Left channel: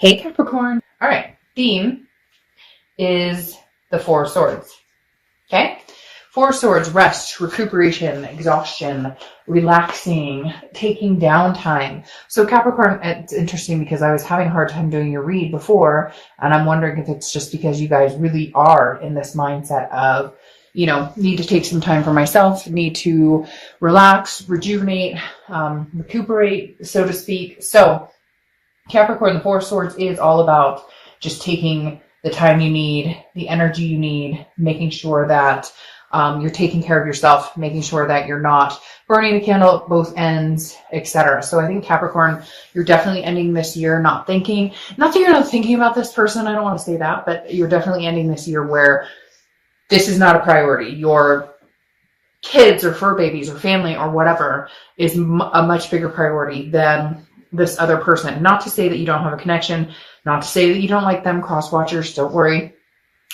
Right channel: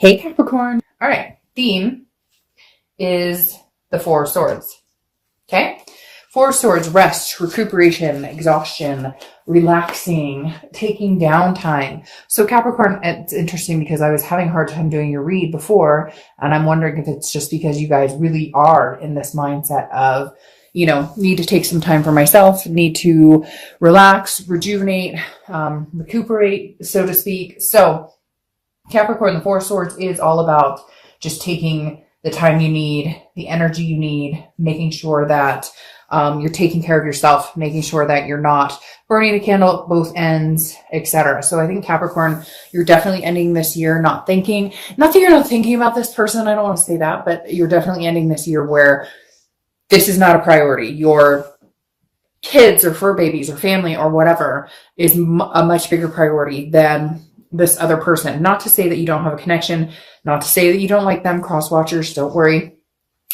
Hey Capricorn. All right, theme is the Four of Swords. Okay? Four of Swords, rest, recuperation, exhaustion, relaxing, taking downtime. So Capricorn, it's interesting because I was having a hard time doing your read before, and I'm wondering if it's just because you guys really are in this mindset of, need to take some time for myself, need to relax, rejuvenate, recuperate, so to speak. So Capricorn, the Four of Swords is all about just taking the time you need, the energy you need, making sure that you're taking care of yourself, making sure that you're not burning the candle at both ends, etc. So I think Capricorn, you're definitely ending this year not that you're not thinking about this person, I don't want to say that, but you're definitely ending this year where this is not a priority. Your kids or fur babies or family or whatever is a much bigger priority than this other person. Not to say that you don't have a connection, not to say that you don't like them, cross watchers, don't worry.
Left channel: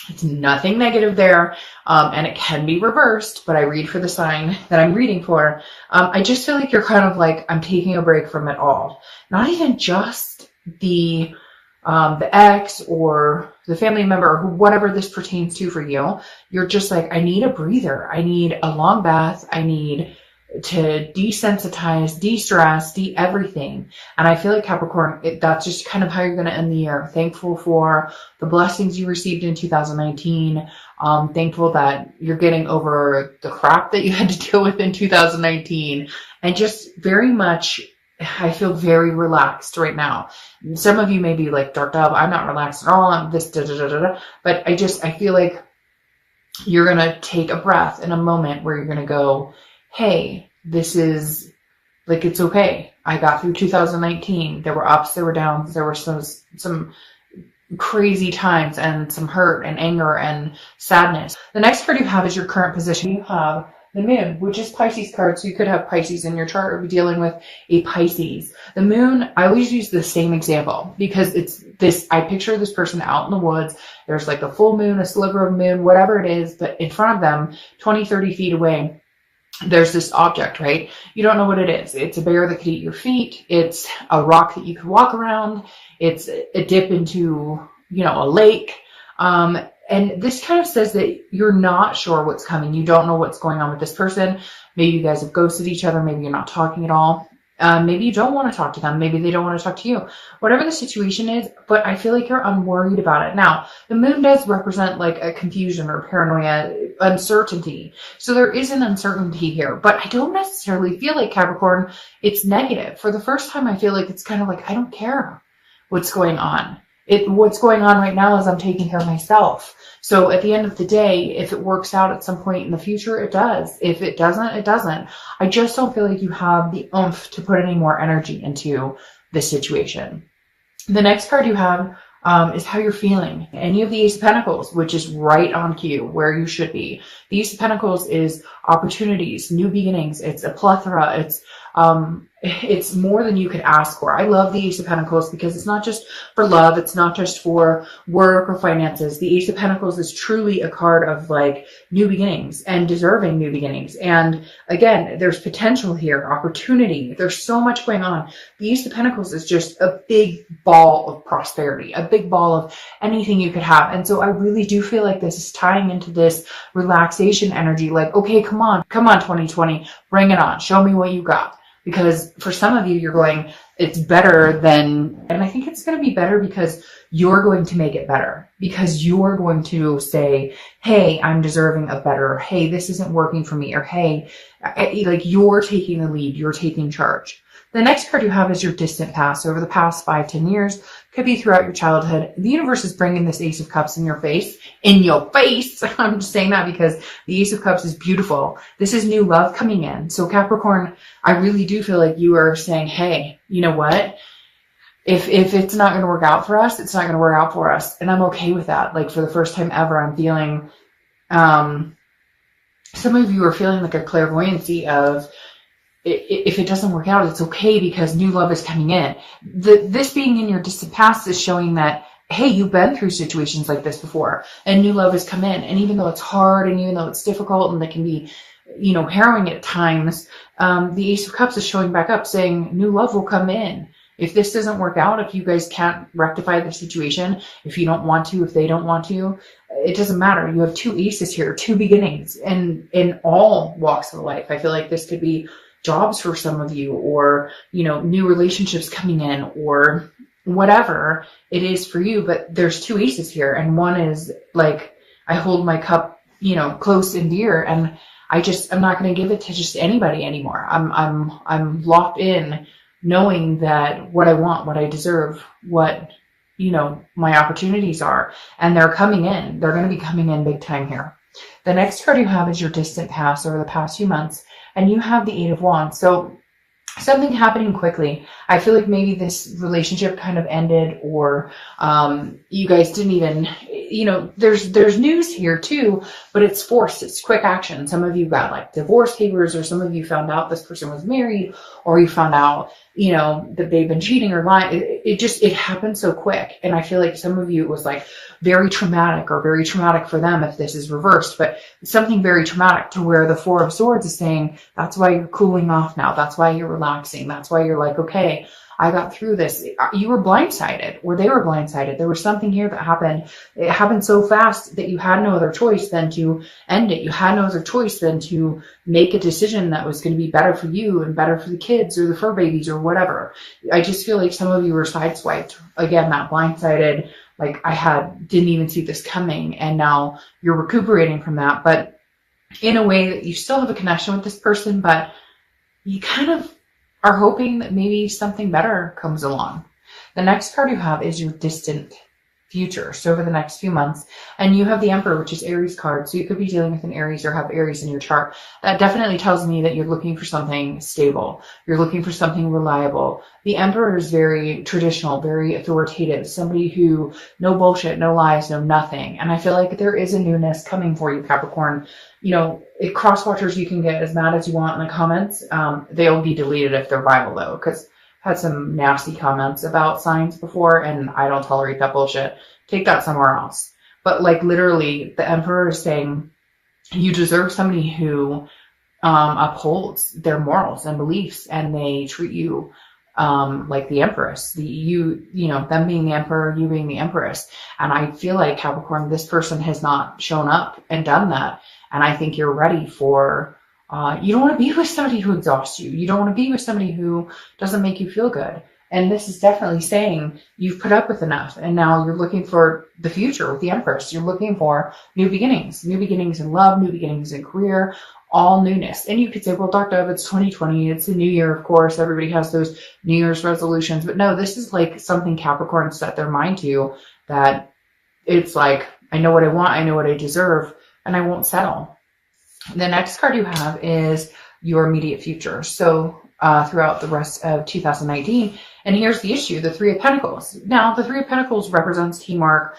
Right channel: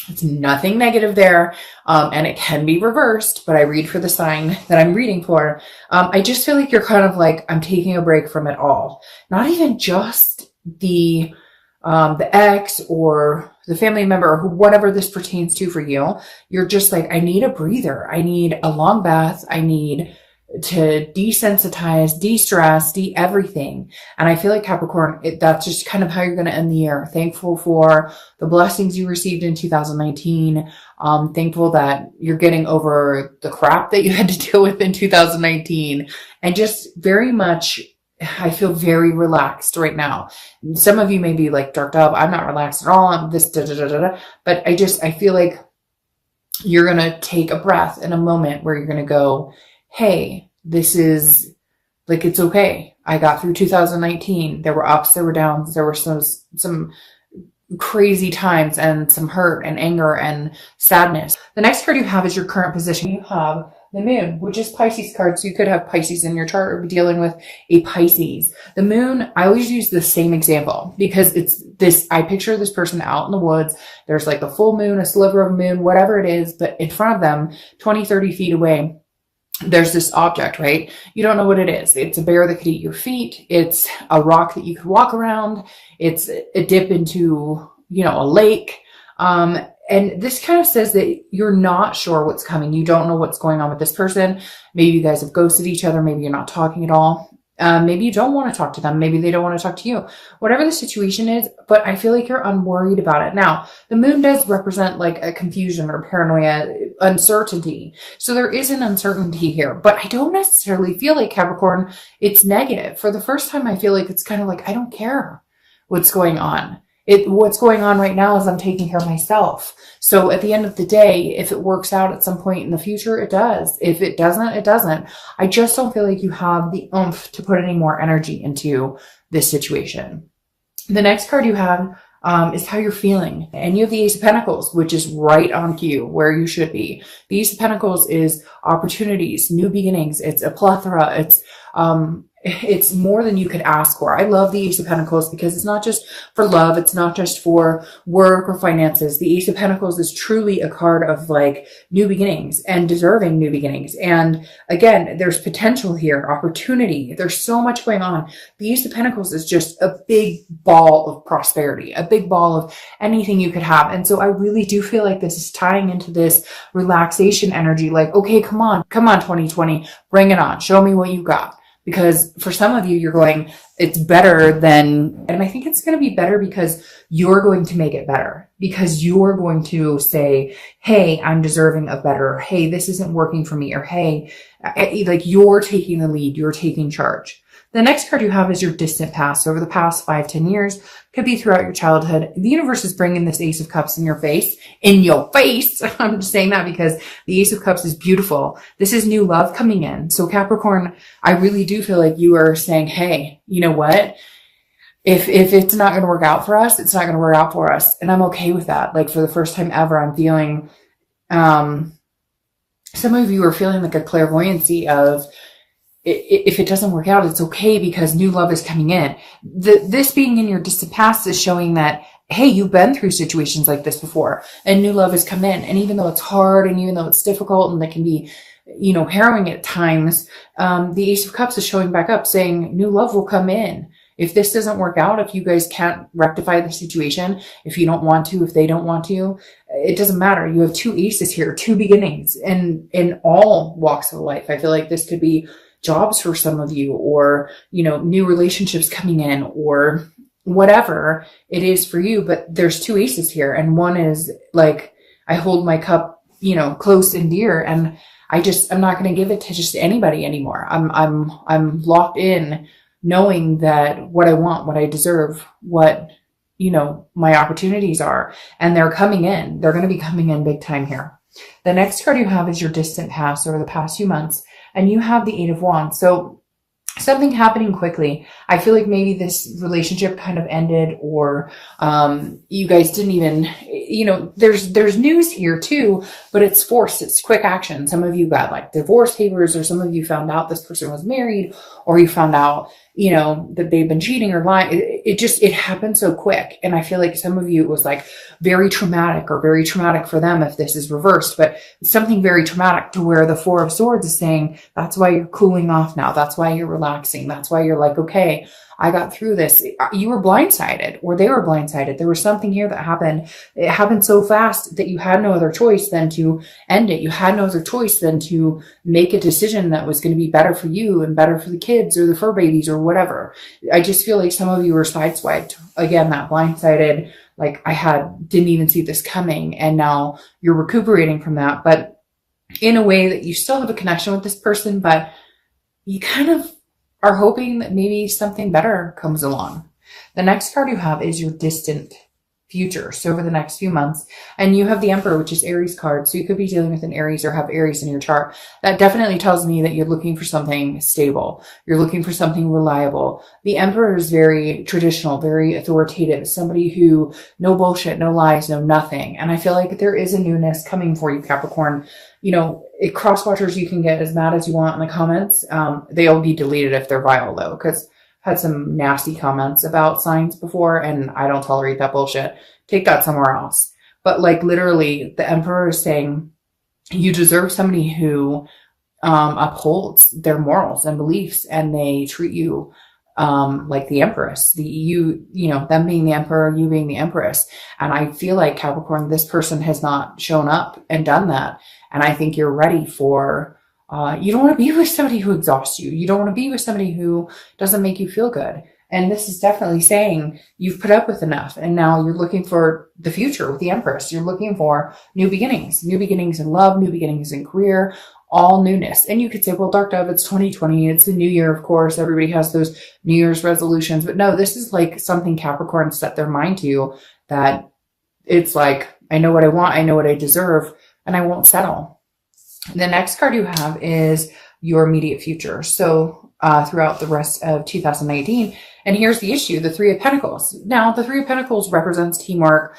It's nothing negative there, and it can be reversed, but I read for the sign that I'm reading for. I just feel like you're kind of like, I'm taking a break from it all. Not even just the ex or the family member or whatever this pertains to for you. You're just like, I need a breather. I need a long bath. I need to desensitize, de-stress, everything. And I feel like Capricorn, that's just kind of how you're going to end the year. Thankful for the blessings you received in 2019. Thankful that you're getting over the crap that you had to deal with in 2019. And just very much, I feel very relaxed right now. Some of you may be like, dark up, I'm not relaxed at all. I'm this, But I feel like you're going to take a breath in a moment where you're going to go, hey, this is like, it's okay. I got through 2019. There were ups, there were downs, there were some crazy times and some hurt and anger and sadness. The next card you have is your current position. You have the moon, which is Pisces card. So you could have Pisces in your chart or be dealing with a Pisces. The moon, I always use the same example because it's this, I picture this person out in the woods. There's like the full moon, a sliver of moon, whatever it is, but in front of them, 20, 30 feet away, there's this object, right? You don't know what it is. It's a bear that could eat your feet. It's a rock that you could walk around. It's a dip into, a lake. And this kind of says that you're not sure what's coming. You don't know what's going on with this person. Maybe you guys have ghosted each other. Maybe you're not talking at all. Maybe you don't want to talk to them. Maybe they don't want to talk to you. Whatever the situation is, but I feel like you're unworried about it. Now, the moon does represent like a confusion or paranoia, uncertainty. So there is an uncertainty here, but I don't necessarily feel like Capricorn, it's negative. For the first time, I feel like it's kind of like, I don't care what's going on. What's going on right now is I'm taking care of myself. So at the end of the day, if it works out at some point in the future, it does. If it doesn't, it doesn't. I just don't feel like you have the oomph to put any more energy into this situation. The next card you have is how you're feeling. And you have the Ace of Pentacles, which is right on cue where you should be. The Ace of Pentacles is opportunities, new beginnings. It's a plethora. It's more than you could ask for. I love the Ace of Pentacles because it's not just for love. It's not just for work or finances. The Ace of Pentacles is truly a card of like new beginnings and deserving new beginnings. And again, there's potential here, opportunity. There's so much going on. The Ace of Pentacles is just a big ball of prosperity, a big ball of anything you could have. And so I really do feel like this is tying into this relaxation energy. Like, okay, come on, 2020, bring it on. Show me what you got. Because for some of you, you're going, it's better than, and I think it's going to be better because you're going to make it better. Because you're going to say, hey, I'm deserving of better. Hey, this isn't working for me. Or hey, like you're taking the lead, you're taking charge. The next card you have is your distant past. Over the past 5-10 years, could be throughout your childhood. The universe is bringing this Ace of Cups in your face. I'm just saying that because the Ace of Cups is beautiful. This is new love coming in. So Capricorn, I really do feel like you are saying, hey, you know what? If it's not going to work out for us, it's not going to work out for us. And I'm okay with that. Like for the first time ever, I'm feeling, some of you are feeling like a clairvoyancy of, if it doesn't work out, it's okay because new love is coming in. This being in your distant past is showing that, hey, you've been through situations like this before and new love has come in. And even though it's hard and even though it's difficult and it can be, harrowing at times, the Ace of Cups is showing back up saying new love will come in. if this doesn't work out, if you guys can't rectify the situation, if you don't want to, if they don't want to, it doesn't matter. You have two aces here, two beginnings, and in all walks of life. I feel like this could be jobs for some of you, or, you know, new relationships coming in, or whatever it is for you. But there's two aces here, and one is like, I hold my cup, you know, close and dear, and I'm not going to give it to just anybody anymore. I'm locked in, knowing that what I want, what I deserve, what, you know, my opportunities are, and they're coming in. They're going to be coming in big time here. The next card you have is your distant past, or the past few months, and you have the Eight of Wands. So something happening quickly. I feel like maybe this relationship kind of ended, or you guys didn't even, you know, there's news here too, but it's forced. It's quick action. Some of you got like divorce papers, or some of you found out this person was married, or you found out, you know, that they've been cheating or lying. It happened so quick. And I feel like some of you, it was like very traumatic, or very traumatic for them if this is reversed, but something very traumatic, to where the Four of Swords is saying, that's why you're cooling off now. That's why you're relaxing. That's why you're like, okay, I got through this. You were blindsided, or they were blindsided. There was something here that happened. It happened so fast that you had no other choice than to end it. You had no other choice than to make a decision that was going to be better for you and better for the kids, or the fur babies, or whatever. I just feel like some of you were sideswiped. Again, that blindsided, like didn't even see this coming, and now you're recuperating from that, but in a way that you still have a connection with this person, but you kind of are hoping that maybe something better comes along. The next card you have is your distant future. So over the next few months, and you have the Emperor, which is Aries card. So you could be dealing with an Aries, or have Aries in your chart. That definitely tells me that you're looking for something stable. You're looking for something reliable. The Emperor is very traditional, very authoritative, somebody who, no bullshit, no lies, no nothing. And I feel like there is a newness coming for you, Capricorn. You know, cross watchers, you can get as mad as you want in the comments. They'll be deleted if they're vile though, because had some nasty comments about signs before, and I don't tolerate that bullshit. Take that somewhere else. But like literally, the Emperor is saying you deserve somebody who upholds their morals and beliefs, and they treat you like the Empress. You know, them being the Emperor, you being the Empress. And I feel like, Capricorn, this person has not shown up and done that. And I think you're ready for you don't want to be with somebody who exhausts you. You don't want to be with somebody who doesn't make you feel good. And this is definitely saying you've put up with enough, and now you're looking for the future with the Empress. You're looking for new beginnings in love, new beginnings in career, all newness. And you could say, well, Dark Dove, it's 2020. It's the new year, of course. Everybody has those New Year's resolutions. But no, this is like something Capricorn set their mind to, that it's like, I know what I want. I know what I deserve, and I won't settle. The next card you have is your immediate future. So throughout the rest of 2019. And here's the issue, the Three of Pentacles. Now, the Three of Pentacles represents teamwork,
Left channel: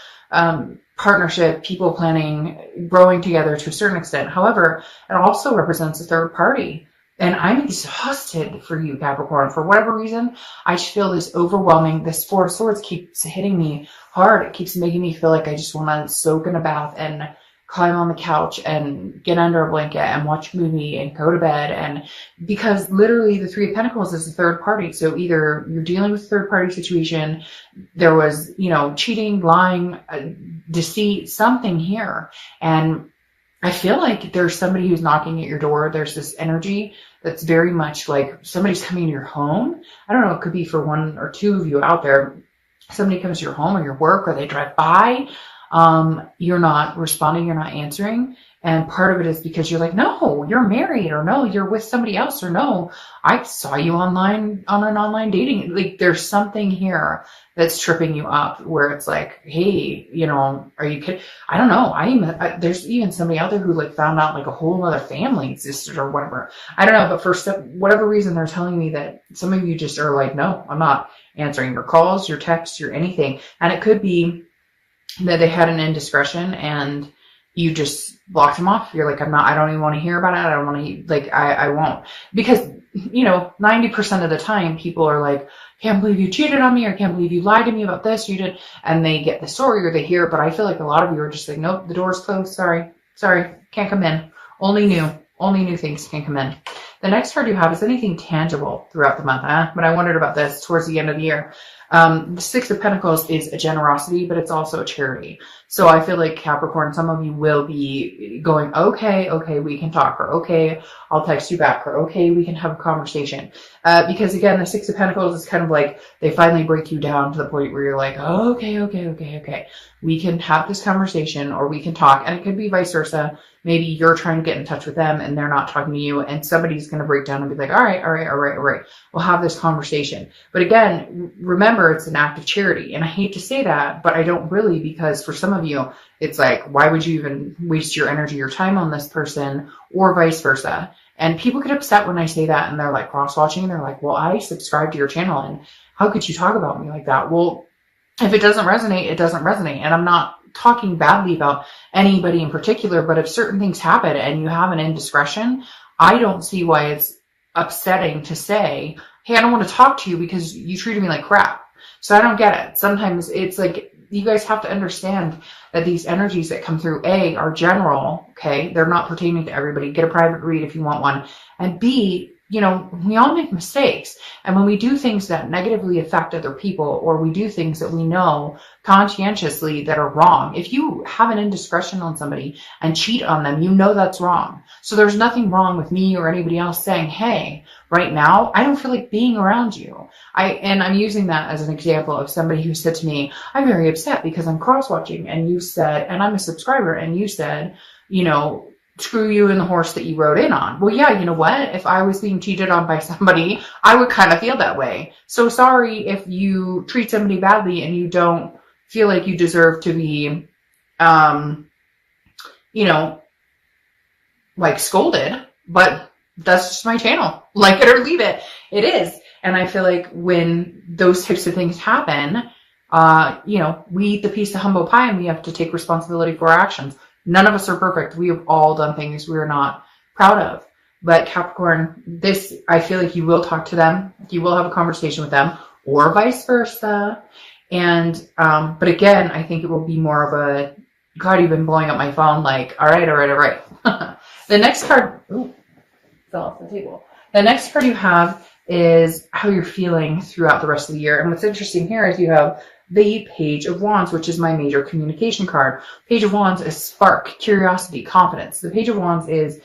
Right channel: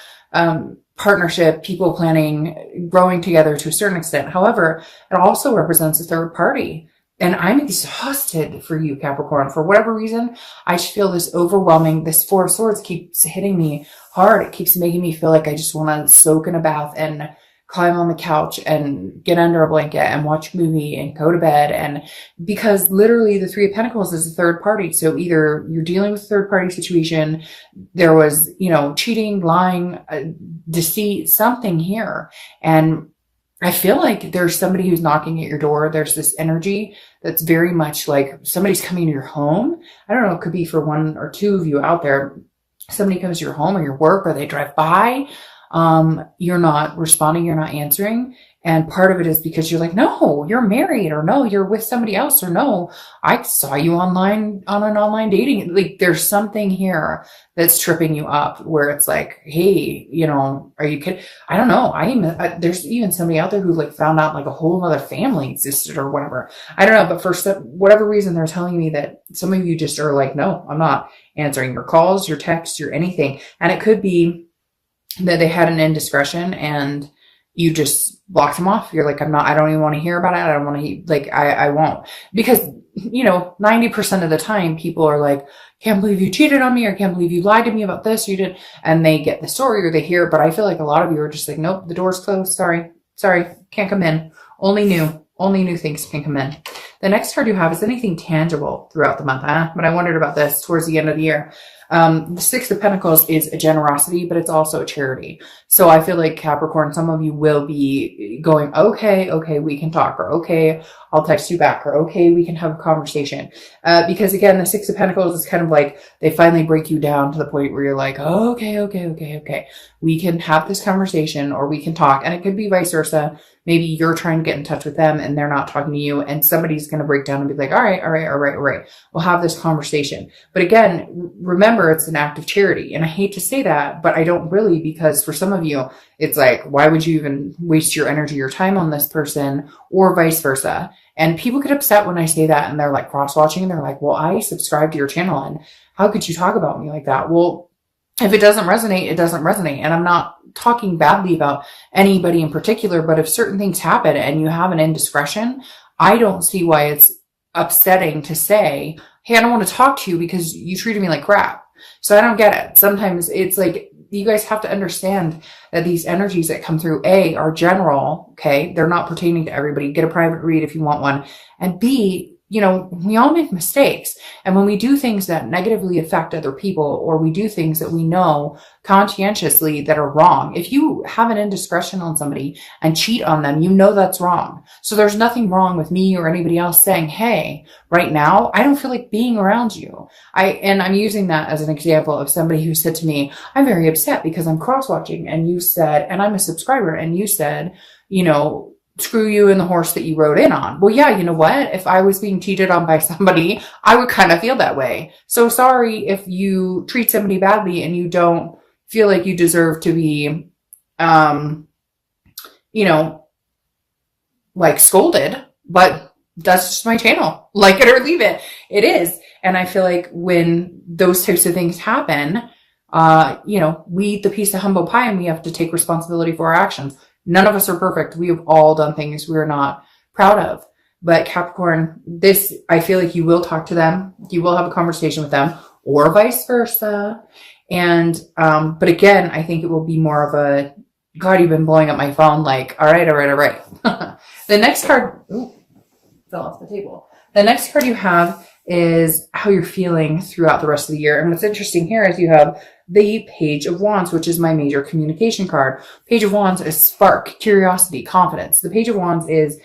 partnership, people planning, growing together to a certain extent. However, it also represents a third party. And I'm exhausted for you, Capricorn. For whatever reason, I just feel this overwhelming, this Four of Swords keeps hitting me hard. It keeps making me feel like I just want to soak in a bath and climb on the couch and get under a blanket and watch a movie and go to bed. And because literally the Three of Pentacles is a third party. So either you're dealing with a third party situation, there was, you know, cheating, lying, deceit, something here. And I feel like there's somebody who's knocking at your door. There's this energy that's very much like somebody's coming to your home. I don't know, it could be for one or two of you out there. Somebody comes to your home or your work, or they drive by. You're not responding, you're not answering. And part of it is because you're like, no, you're married, or no, you're with somebody else, or no, I saw you online on an online dating. Like there's something here that's tripping you up, where it's like, hey, you know, are you kidding? I don't know. There's even somebody out there who like found out like a whole other family existed or whatever. I don't know. But for whatever reason, they're telling me that some of you just are like, no, I'm not answering your calls, your texts, your anything. And it could be that they had an indiscretion and you just blocked them off. You're like, I don't even want to hear about it. I don't want to, like, I won't. Because, you know, 90% of the time people are like, can't believe you cheated on me, or can't believe you lied to me about this, you did. And they get the story or they hear it. But I feel like a lot of you are just like, nope, the door's closed. Sorry, can't come in. Only new things can come in. The next card you have is anything tangible throughout the month. But I wondered about this towards the end of the year. The Six of Pentacles is a generosity, but it's also a charity. So I feel like Capricorn, some of you will be going, okay, we can talk, or okay, I'll text you back, or okay, we can have a conversation. Because again, the Six of Pentacles is kind of like, they finally break you down to the point where you're like, okay, we can have this conversation, or we can talk. And it could be vice versa. Maybe you're trying to get in touch with them and they're not talking to you, and somebody's going to break down and be like, all right. We'll have this conversation. But again, remember, it's an act of charity. And I hate to say that, but I don't really, because for some of you, it's like, why would you even waste your energy, your time on this person, or vice versa? And people get upset when I say that, and they're like cross-watching, and they're like, well, I subscribe to your channel, and how could you talk about me like that? Well, if it doesn't resonate, it doesn't resonate. And I'm not talking badly about anybody in particular, but if certain things happen and you have an indiscretion, I don't see why it's upsetting to say, hey, I don't want to talk to you because you treated me like crap. So I don't get it. Sometimes it's like, you guys have to understand that these energies that come through, A, are general, okay? They're not pertaining to everybody. Get a private read if you want one. And B, you know, we all make mistakes. And when we do things that negatively affect other people, or we do things that we know conscientiously that are wrong, if you have an indiscretion on somebody and cheat on them, you know that's wrong. So there's nothing wrong with me or anybody else saying, hey, right now, I don't feel like being around you. And I'm using that as an example of somebody who said to me, I'm very upset because I'm cross-watching, and you said, and I'm a subscriber, and you said, you know, screw you and the horse that you rode in on. Well, yeah, you know what? If I was being cheated on by somebody, I would kind of feel that way. So sorry if you treat somebody badly and you don't feel like you deserve to be, you know, like scolded, but that's just my channel. Like it or leave it. It is. And I feel like when those types of things happen, you know, we eat the piece of humble pie and we have to take responsibility for our actions. None of us are perfect. We have all done things we're not proud of. But Capricorn, this, I feel like you will talk to them. You will have a conversation with them, or vice versa. And, but again, I think it will be more of a, God, you've been blowing up my phone. Like, all right. The next card, fell off the table. The next card you have is how you're feeling throughout the rest of the year. And what's interesting here is you have the Page of Wands, which is my major communication card. Page of Wands is spark, curiosity, confidence. The Page of Wands is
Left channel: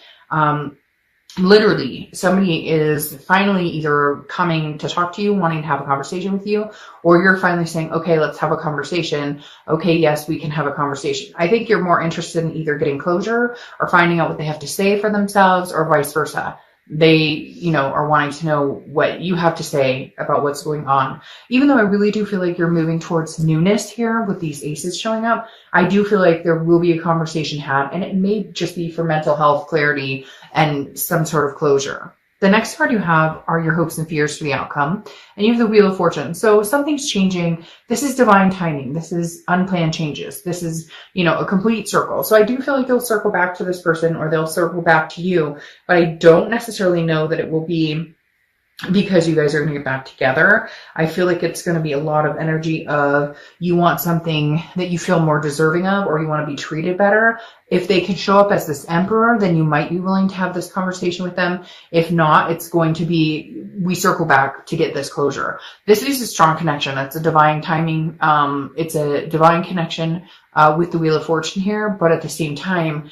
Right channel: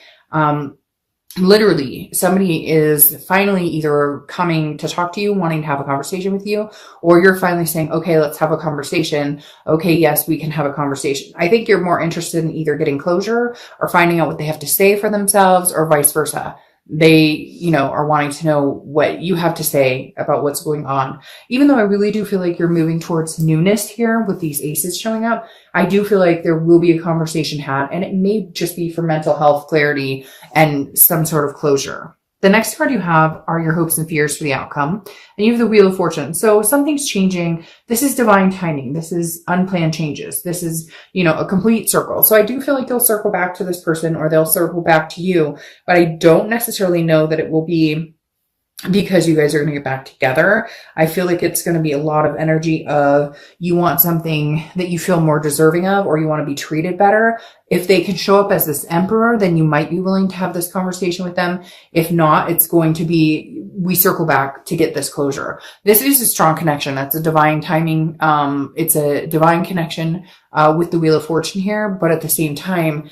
literally somebody is finally either coming to talk to you, wanting to have a conversation with you, or you're finally saying, okay, let's have a conversation. Okay, yes, we can have a conversation. I think you're more interested in either getting closure or finding out what they have to say for themselves, or vice versa. They, you know, are wanting to know what you have to say about what's going on. Even though I really do feel like you're moving towards newness here with these aces showing up, I do feel like there will be a conversation had, and it may just be for mental health clarity and some sort of closure. The next card you have are your hopes and fears for the outcome. And you have the Wheel of Fortune. So something's changing. This is divine timing. This is unplanned changes. This is, you know, a complete circle. So I do feel like they'll circle back to this person, or they'll circle back to you. But I don't necessarily know that it will be because you guys are going to get back together. I feel like it's going to be a lot of energy of you want something that you feel more deserving of, or you want to be treated better. If they could show up as this emperor, then you might be willing to have this conversation with them. If not, it's going to be, we circle back to get this closure. This is a strong connection. That's a divine timing. It's a divine connection with the Wheel of Fortune here. But at the same time,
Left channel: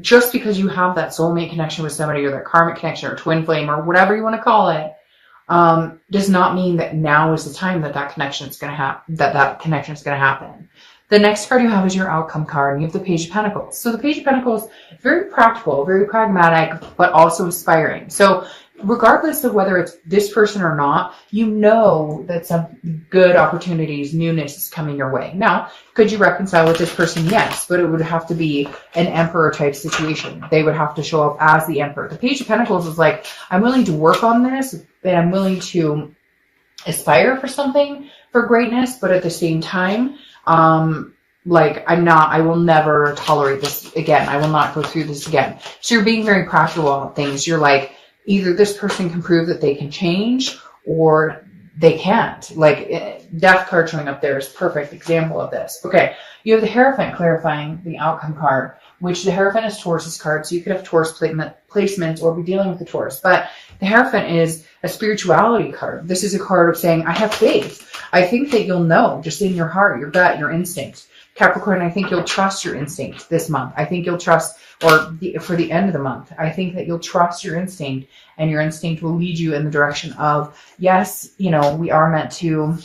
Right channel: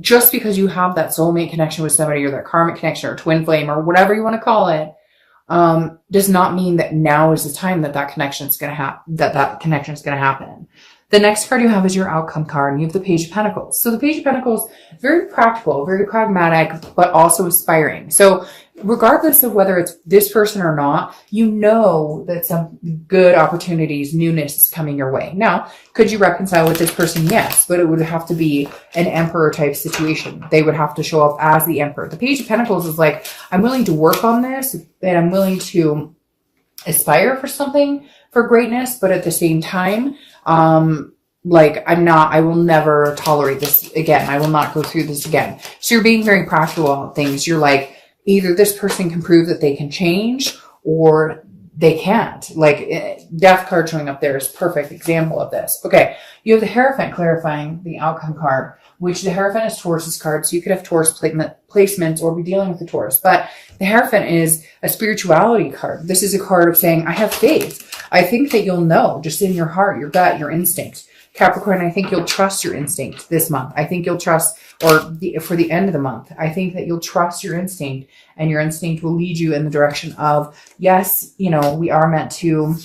just because you have that soulmate connection with somebody, or that karmic connection, or twin flame, or whatever you want to call it, does not mean that now is the time that that connection is going to happen. That connection is going to happen. The next card you have is your outcome card. You have the Page of Pentacles. So the Page of Pentacles, very practical, very pragmatic, but also inspiring. So regardless of whether it's this person or not, you know that some good opportunities, newness is coming your way. Now, could you reconcile with this person? Yes, but it would have to be an emperor type situation. They would have to show up as the emperor. The Page of Pentacles is like, I'm willing to work on this, and I'm willing to aspire for something, for greatness, but at the same time, like I will never tolerate this again. I will not go through this again. So you're being very practical about things. You're like, either this person can prove that they can change, or they can't. Like Death card showing up there is a perfect example of this. Okay, you have the Hierophant clarifying the outcome card, which the Hierophant is Taurus's card. So you could have Taurus placements or be dealing with the Taurus. But the Hierophant is a spirituality card. This is a card of saying, I have faith. I think that you'll know just in your heart, your gut, your instinct. Capricorn, I think you'll trust your instinct this month. I think you'll trust, for the end of the month, I think that you'll trust your instinct, and your instinct will lead you in the direction of, yes, you know, we are meant to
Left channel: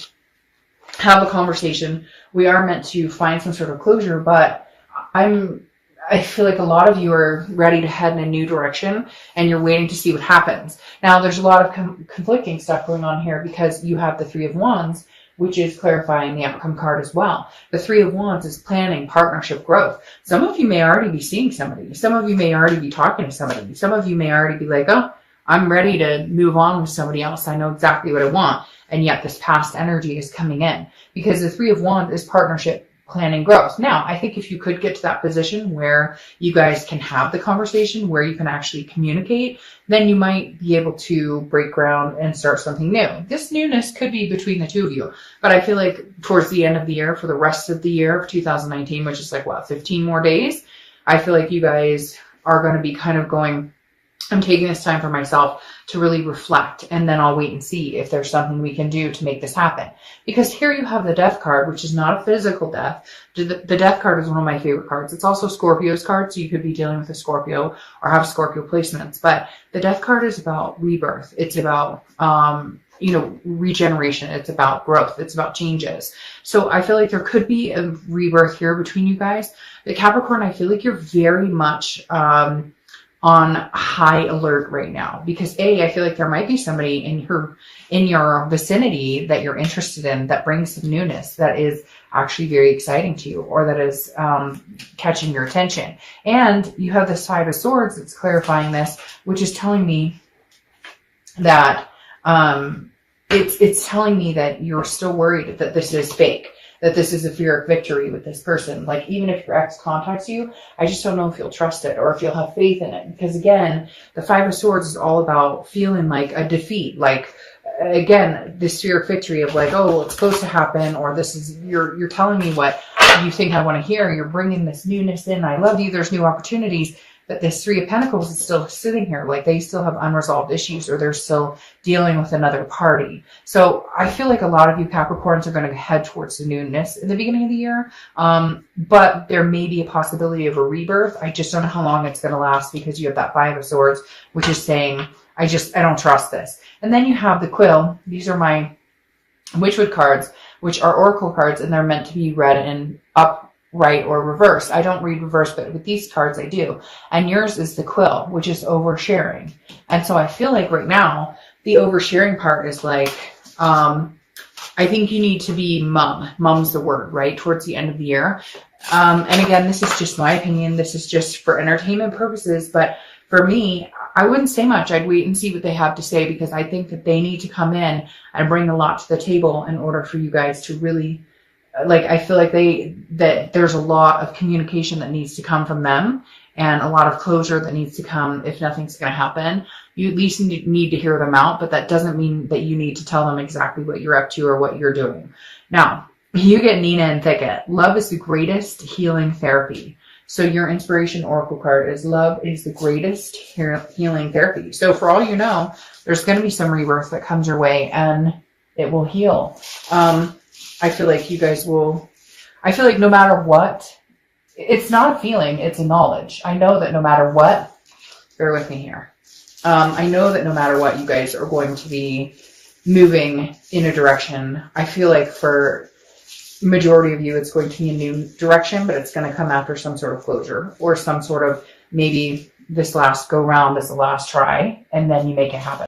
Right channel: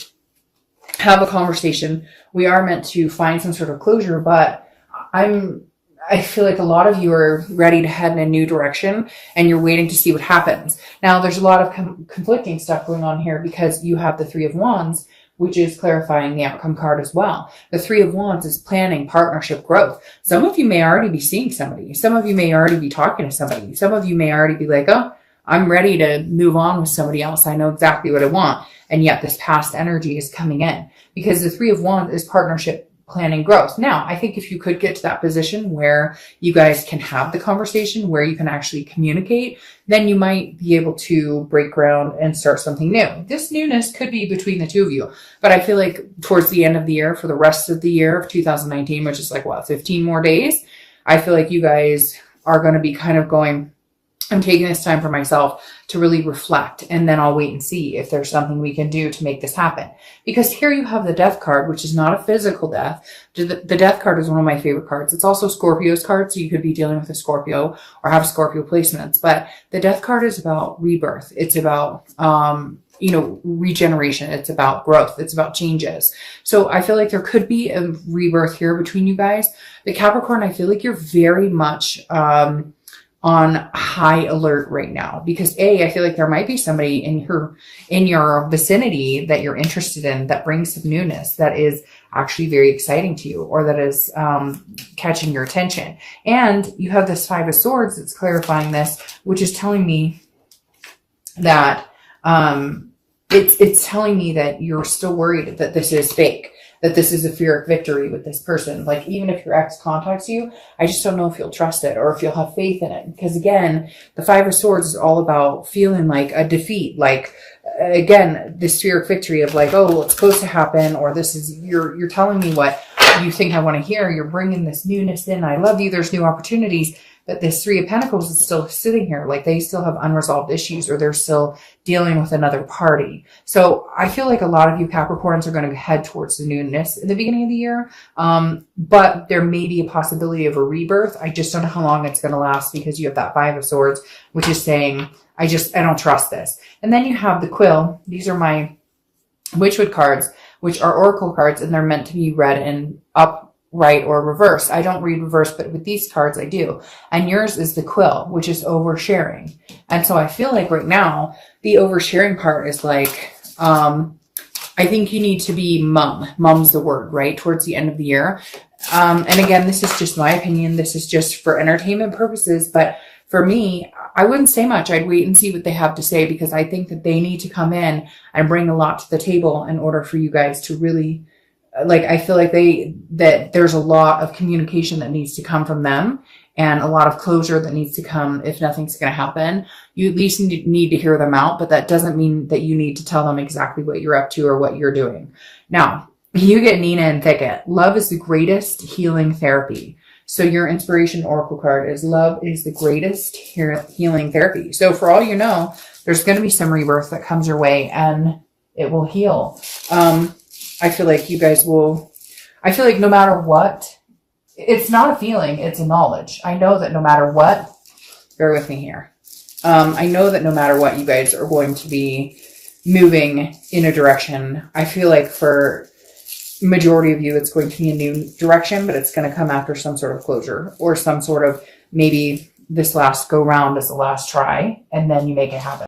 have a conversation. We are meant to find some sort of closure, but I feel like a lot of you are ready to head in a new direction, and you're waiting to see what happens. Now, there's a lot of conflicting stuff going on here, because you have the Three of Wands, which is clarifying the outcome card as well. The Three of Wands is planning, partnership, growth. Some of you may already be seeing somebody. Some of you may already be talking to somebody. Some of you may already be like, oh, I'm ready to move on with somebody else. I know exactly what I want. And yet this past energy is coming in, because the Three of Wands is partnership, planning, growth. Now, I think if you could get to that position where you guys can have the conversation, where you can actually communicate, then you might be able to break ground and start something new. This newness could be between the two of you, but I feel like towards the end of the year, for the rest of the year of 2019, which is like, what, 15 more days, I feel like you guys are going to be kind of going, I'm taking this time for myself to really reflect, and then I'll wait and see if there's something we can do to make this happen. Because here you have the Death card, which is not a physical death. The Death card is one of my favorite cards. It's also Scorpio's card, so you could be dealing with a Scorpio or have Scorpio placements. But the Death card is about rebirth. It's about, you know, regeneration. It's about growth. It's about changes. So I feel like there could be a rebirth here between you guys. But Capricorn, I feel like you're very much on high alert right now, because I feel like there might be somebody in your vicinity that you're interested in, that brings some newness, that is actually very exciting to you, or that is catching your attention. And you have this Five of Swords that's clarifying this, which is telling me that it's telling me that you're still worried that this is fake, that this is a Pyrrhic victory with this person. Like, even if your ex contacts you, I just don't know if you'll trust it or if you'll have faith in it. Because again, the Five of Swords is all about feeling like a defeat. Like, again, this Pyrrhic victory of like, oh, well, it's supposed to happen, or this is, you're telling me what you think I want to hear. You're bringing this newness in. I love you. There's new opportunities. But this Three of Pentacles is still sitting here. Like, they still have unresolved issues, or they're still dealing with another party. So I feel like a lot of you Capricorns are going to head towards the newness in the beginning of the year. But there may be a possibility of a rebirth. I just don't know how long it's going to last, because you have that Five of Swords, which is saying, I don't trust this. And then you have the Quill. These are my Witchwood cards, which are oracle cards, and they're meant to be read in upright or reverse. I don't read reverse, but with these cards I do. And yours is the Quill, which is oversharing. And so I feel like right now, the oversharing part is like, I think you need to be mum. Mum's the word, right? Towards the end of the year. And again, this is just my opinion. This is just for entertainment purposes. But for me, I wouldn't say much. I'd wait and see what they have to say, because I think that they need to come in and bring a lot to the table in order for you guys to really, like, I feel like that there's a lot of communication that needs to come from them, and a lot of closure that needs to come. If nothing's going to happen, you at least need to hear them out, but that doesn't mean that you need to tell them exactly what you're up to or what you're doing. Now, you get Nina and Thicket. Love is the greatest healing therapy. So your inspiration oracle card is love is the greatest healing therapy. So for all you know, there's going to be some rebirth that comes your way, and it will heal. I feel like you guys will, I feel like no matter what, it's not a feeling, it's a knowledge. I know that no matter what, bear with me here. I know that no matter what, you guys are going to be moving in a direction. I feel like for majority of you, it's going to be a new direction, but it's going to come after some sort of closure, or some sort of, maybe this last go round is the last try, and then you make it happen.